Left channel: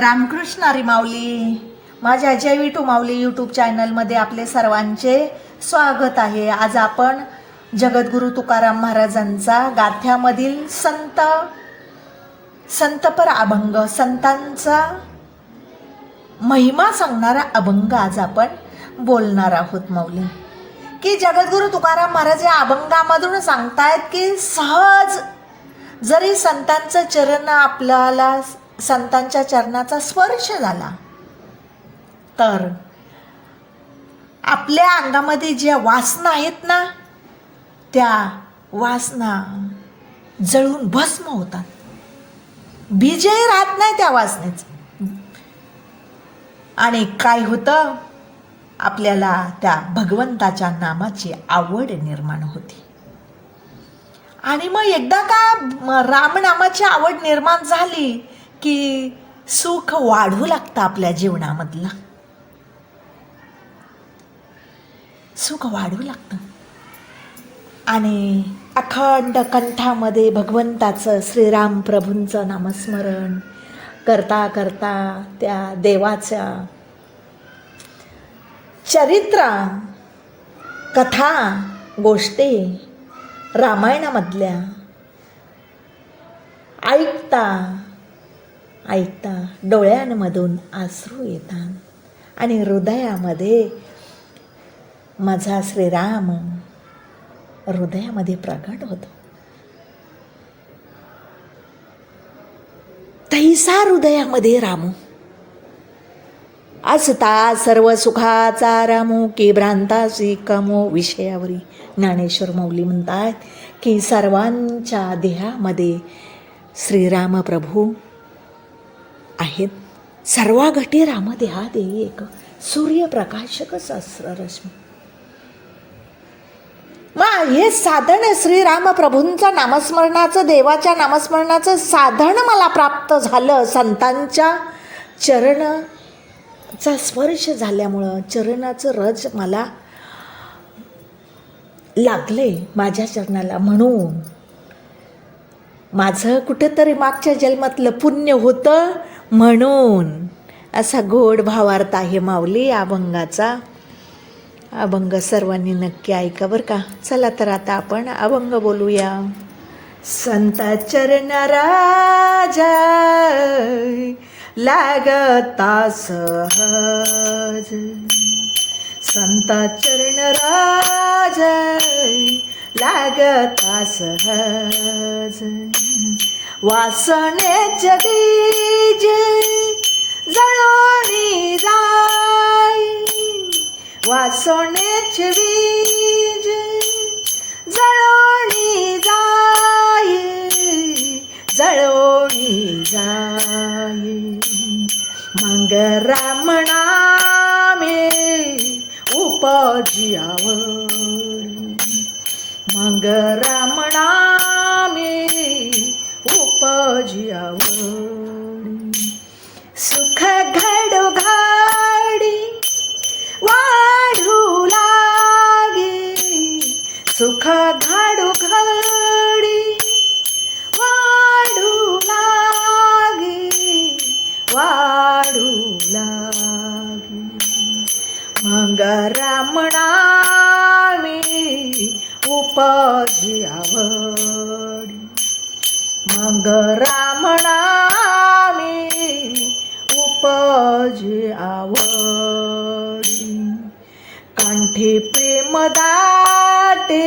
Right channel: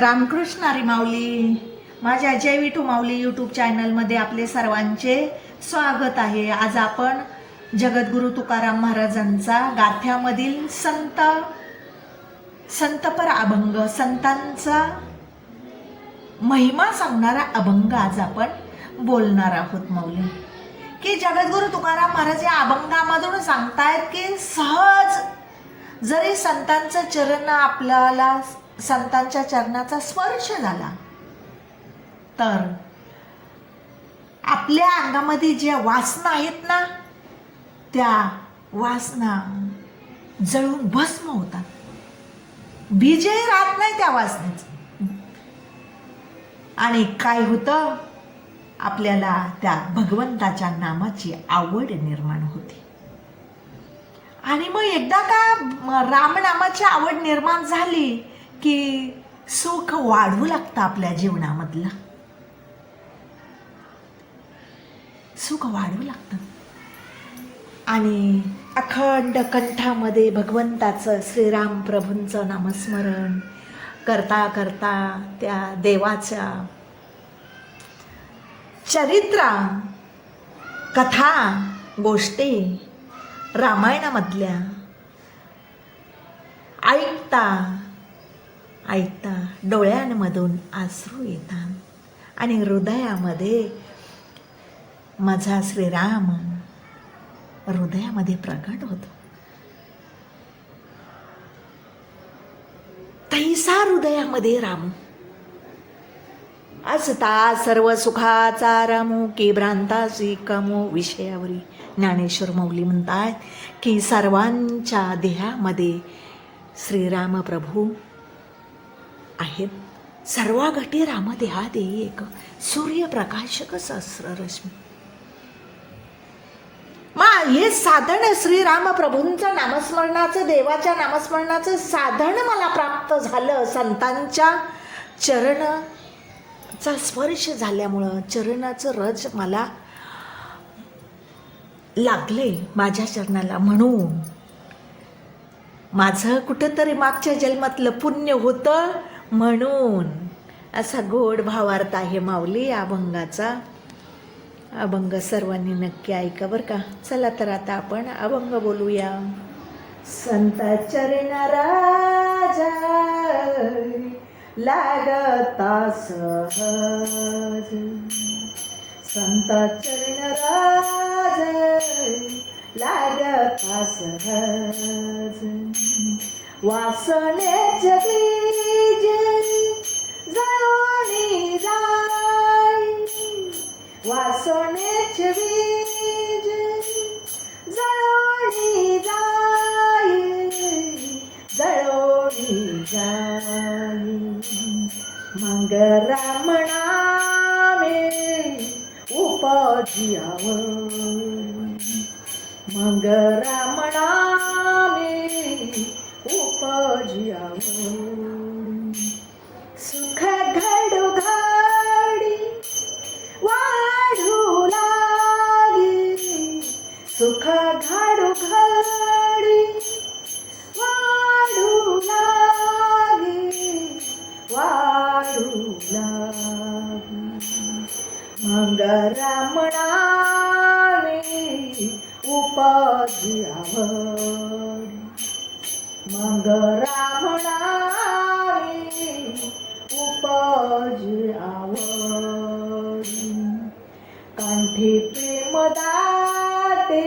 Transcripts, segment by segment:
रामकृष्ण हरी माऊली. माझ्या जय विठू माऊली यूट्यूब चॅनलमध्ये आपले सर्वांचे स्वागत आहे. आज आपण जगद्गुरु तुकाराम महाराजांचा गाथ्यामधील संतपर अभंग, संतांचा महिमा सांगणारा अभंग आज आपण बोलणार आहोत माऊली. की जगद्गुरु तुकाराम महाराज या अभंगामधून सांगतायत की सहज जरी संतांचं चरण आपल्याला संतांच्या चरणाचा स्पर्श झाला तर आपल्या अंगामध्ये ज्या वासना आहेत ना त्या वासना जळून भस्म होतात. बीजही राहत नाही त्या वासनेचं. आणि काय होतं, आपल्याला त्या भगवंताच्या नामाची आवड निर्माण होते. आणि मग एकदा का रामनामाची आवड निर्माण झाली की सुख वाढू लागतं आपल्या जीवनामधलं, सुख वाढू लागतं. आणि अखंड कंठामध्ये भगवंताचं श्रीराम प्रभूंचं नामस्मरण करता करता त्या देवाच्या चरित्रा कथा गोष्टी रामायणामधल्या ऐकता ऐकता डोळ्यांमधून अश्रू येतात आणि हृदयामध्ये माझा श्रीराम हृदयामध्ये प्रकट होतो. तैसा हृदयामध्ये रामू असता सर्व सुखाचा रामू की भ्रांतासी कमो विषयावरी. ज्ञानेश्वर माऊली म्हणतात की सर्वांच्या देहामध्ये श्रीराम प्रभू आहेत. सर्व घटी राम देहात एक सूर्यप्रकाशक सहस्ररश्मी. मग हे साधन श्रीराम प्रभूंच्या नामस्मरणाचं, देवाच्या नामस्मरणाचं साधन मला प्राप्त झालं. संतांच्या चरणाचा स्पर्श झाल्यामुळं चरणाचं रज मला लागले माझ्या चरणाला. म्हणून माझं कुठेतरी मागच्या जन्मातलं पुण्य होतं म्हणून असा गोड भावार्थ आहे माऊली अभंगाचा. अभंग सर्वांनी नक्की ऐका बरं का. चला तर आता आपण अभंग बोलूया. संत चरण राजा लागता सहज, संत चरण राजा लागता सहज. वासनेचे बीज जळोनी जाय, वासनेचे बीज जळोनी जाय, जळोनी जाय. मग राम नामे उपजी आवडी, मग राम नामे उपजी आवडी. सुख घडो घडी वाढू लागे, सुख घडो घडी वाढू लागे, वाढू लागे. मग राम नामे उपजी आवडी, मग राम नामे उपजी आवडी. कंठी प्रेम दाटे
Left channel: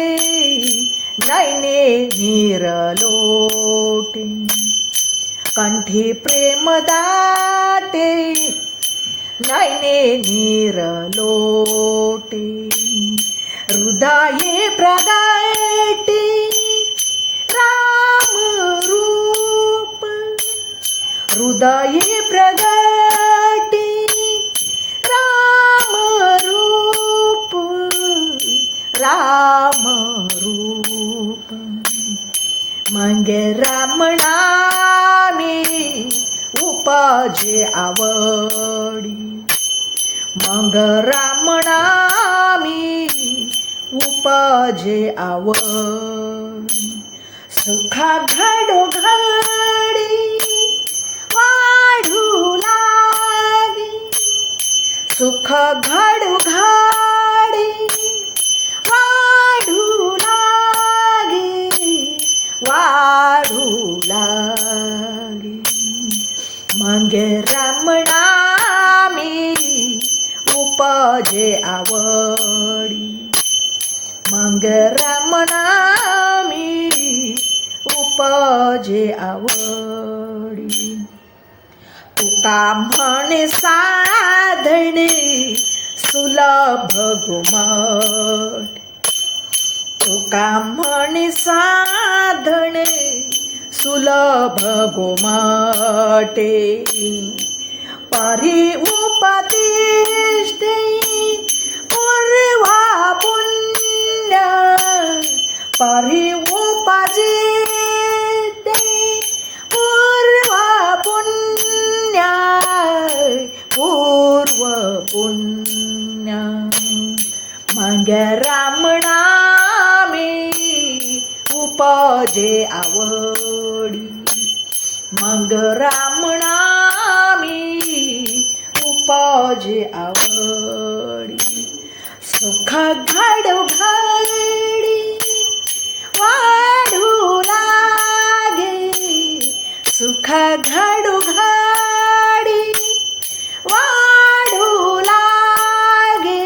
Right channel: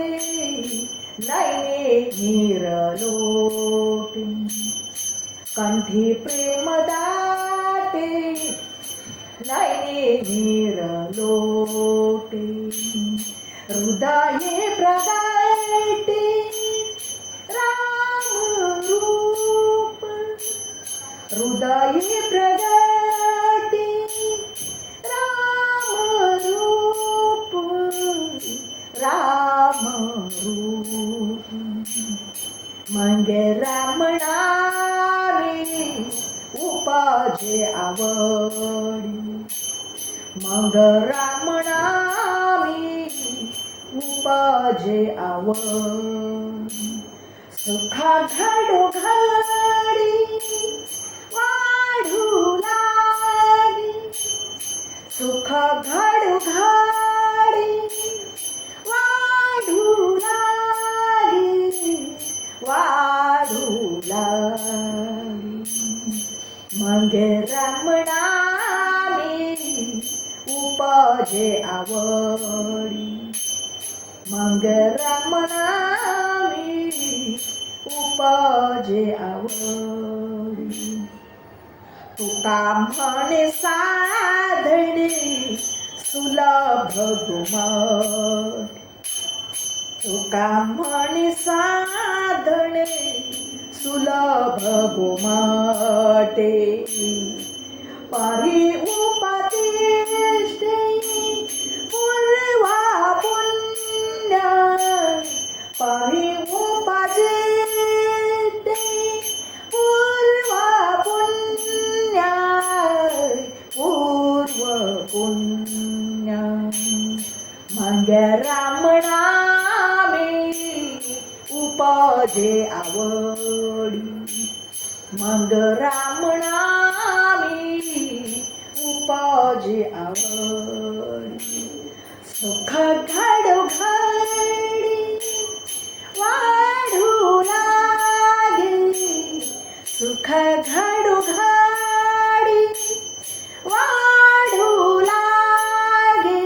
नैने निरलोटी, कंठी प्रेम दाटे नैने निरलोटी. हृदये प्रगटे राम रूप, हृदये प्रगटे राम रूप, राम रूप. मग राम नामे उपजे आवडी, मग राम नामे उपजे आवडी. सुखा घडो घडी वाढू सुख घडू घाडी वाढू लागे वाढू लागे मग रमणा मी उपजे आवडी मग रमणा मी उपजे आवडी तुका म्हणे साधणे सुलभ घुमट तुका म्हणे साधणे सुलभ घुमटे परी उपदेश देई पूर्वा पुण्य परी उपदेश देई पूर्वा पुण्य पूर्व पुण्य मग रमणा मी उपजे आवडी मग रमणा मी उपजे आवडी सुख घडू घडी वाढू लागे सुख घडू घडी वाढू लागे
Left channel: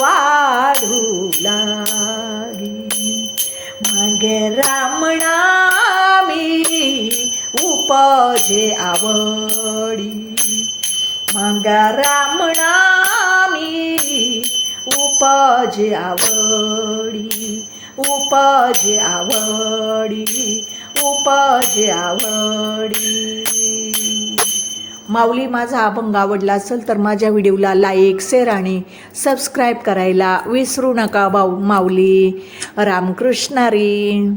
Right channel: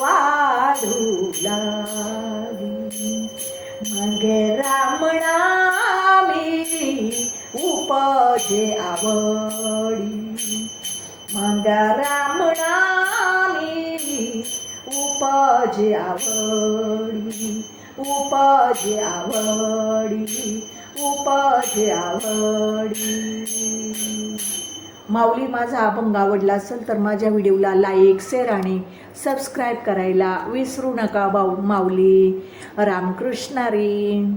वाढू लागे मग रमणा मी उपजे आवडी मग रमणा मी उपजे आवडी उपजे आवडी उपजे आवडी. माऊली, माझा अभंग आवडला असेल तर माझ्या व्हिडिओला लाईक शेअर आणि सबस्क्राईब करायला विसरू नका. माऊली रामकृष्ण हरी.